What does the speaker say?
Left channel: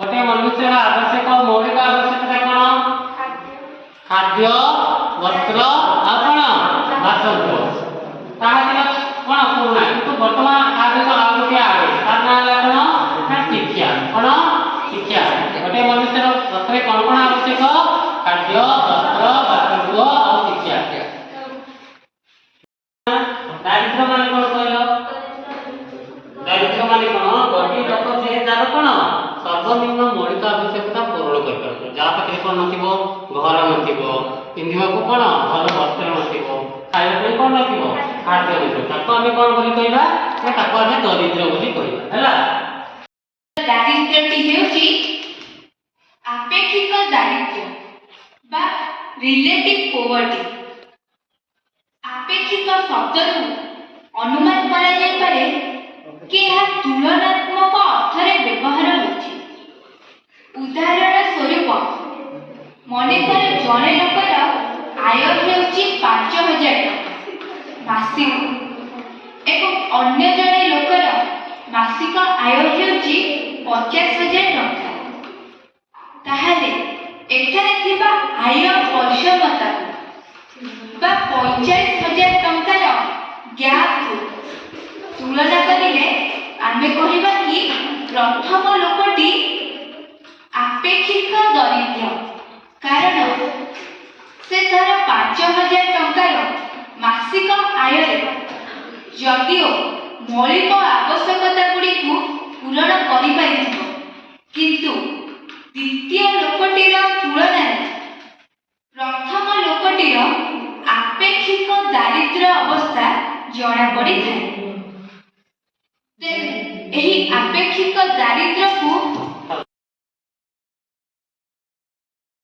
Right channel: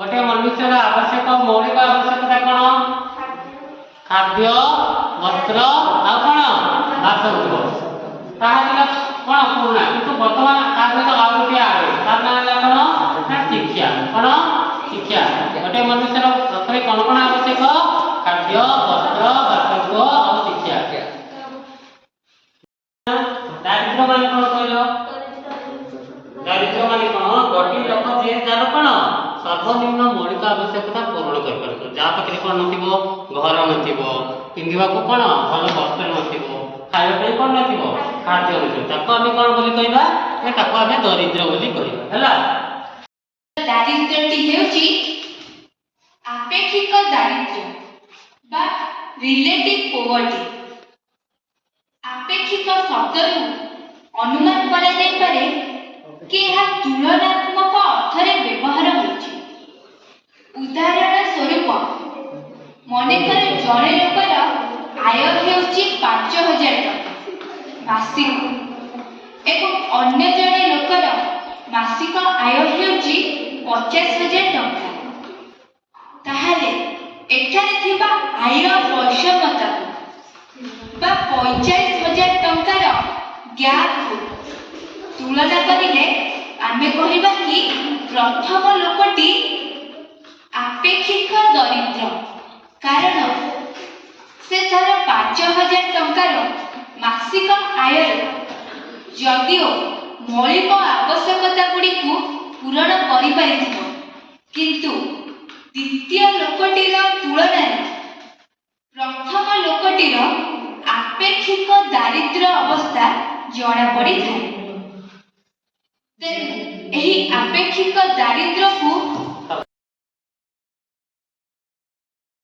गोटे मनुष्यर आवश्यक मौलिक आवश्यकता कौन? खाद्य, वस्त्र आ कौन बासगृह ताहा कौन पुरुणा किंतु वर्तमान आज आ गोटे आवे तार ना है कौन ना शिक्षा कौन शिक्षा गोटे मनुष्यर प्रथमे कौन कौन आवश्यक खाद्य वस्त्र बासगृह और शिक्षा दारिद्र्य मान कौन कहलो दारिद्र्य मान कौन गोटी लोक जे जार कौन सर्वनिम्न मौलिक आवश्यकता पूर्ण कर पारछ जा पाखे कौन नथिबो घर नथिबो पिंधिबा को कौन भल वस्त्र नथिबो खाइबा पे कौन नथिबो खाद्य नथिबो ताको हम कौन बोली कहबा ना ताको हम दरिद्र बोली कहबा हला दारिद्र्यटी हेउची आपेक्षिक दारिद्र्य बा रिलेटिव पोवर्टी आपेक्षिक शब्दरू अनुमान करा जाय पारे कि यह तुलनात्मक अर्थरे व्यवहार होछि उदाहरण स्वरूप मनेकर जड़े लोकर आय हेउछि 5000 टका मासिक एवं अन्य जड़े लोकर मासिक आय हेउछि 50,000 टका ताहाले एठारे थिबा आय वैषमता बा 45,000 टंकार गैप तुलना करिले आमे कहिबा कि प्रथम लोकटी आपेक्षिक दरिद्र कारण से थर 5,000 टंकार मासिक आय जदिओ मौलिक आवश्यकता गुड़ी को पूरण करि पारिथिबो किंतु द्वितीय लोकटीर तुलना प्रथम लोकटीर आपेक्षिक दारिद्र्य अवस्था जना पड़ी थाए तेणु एही आपेक्षिक दारिद्र्य को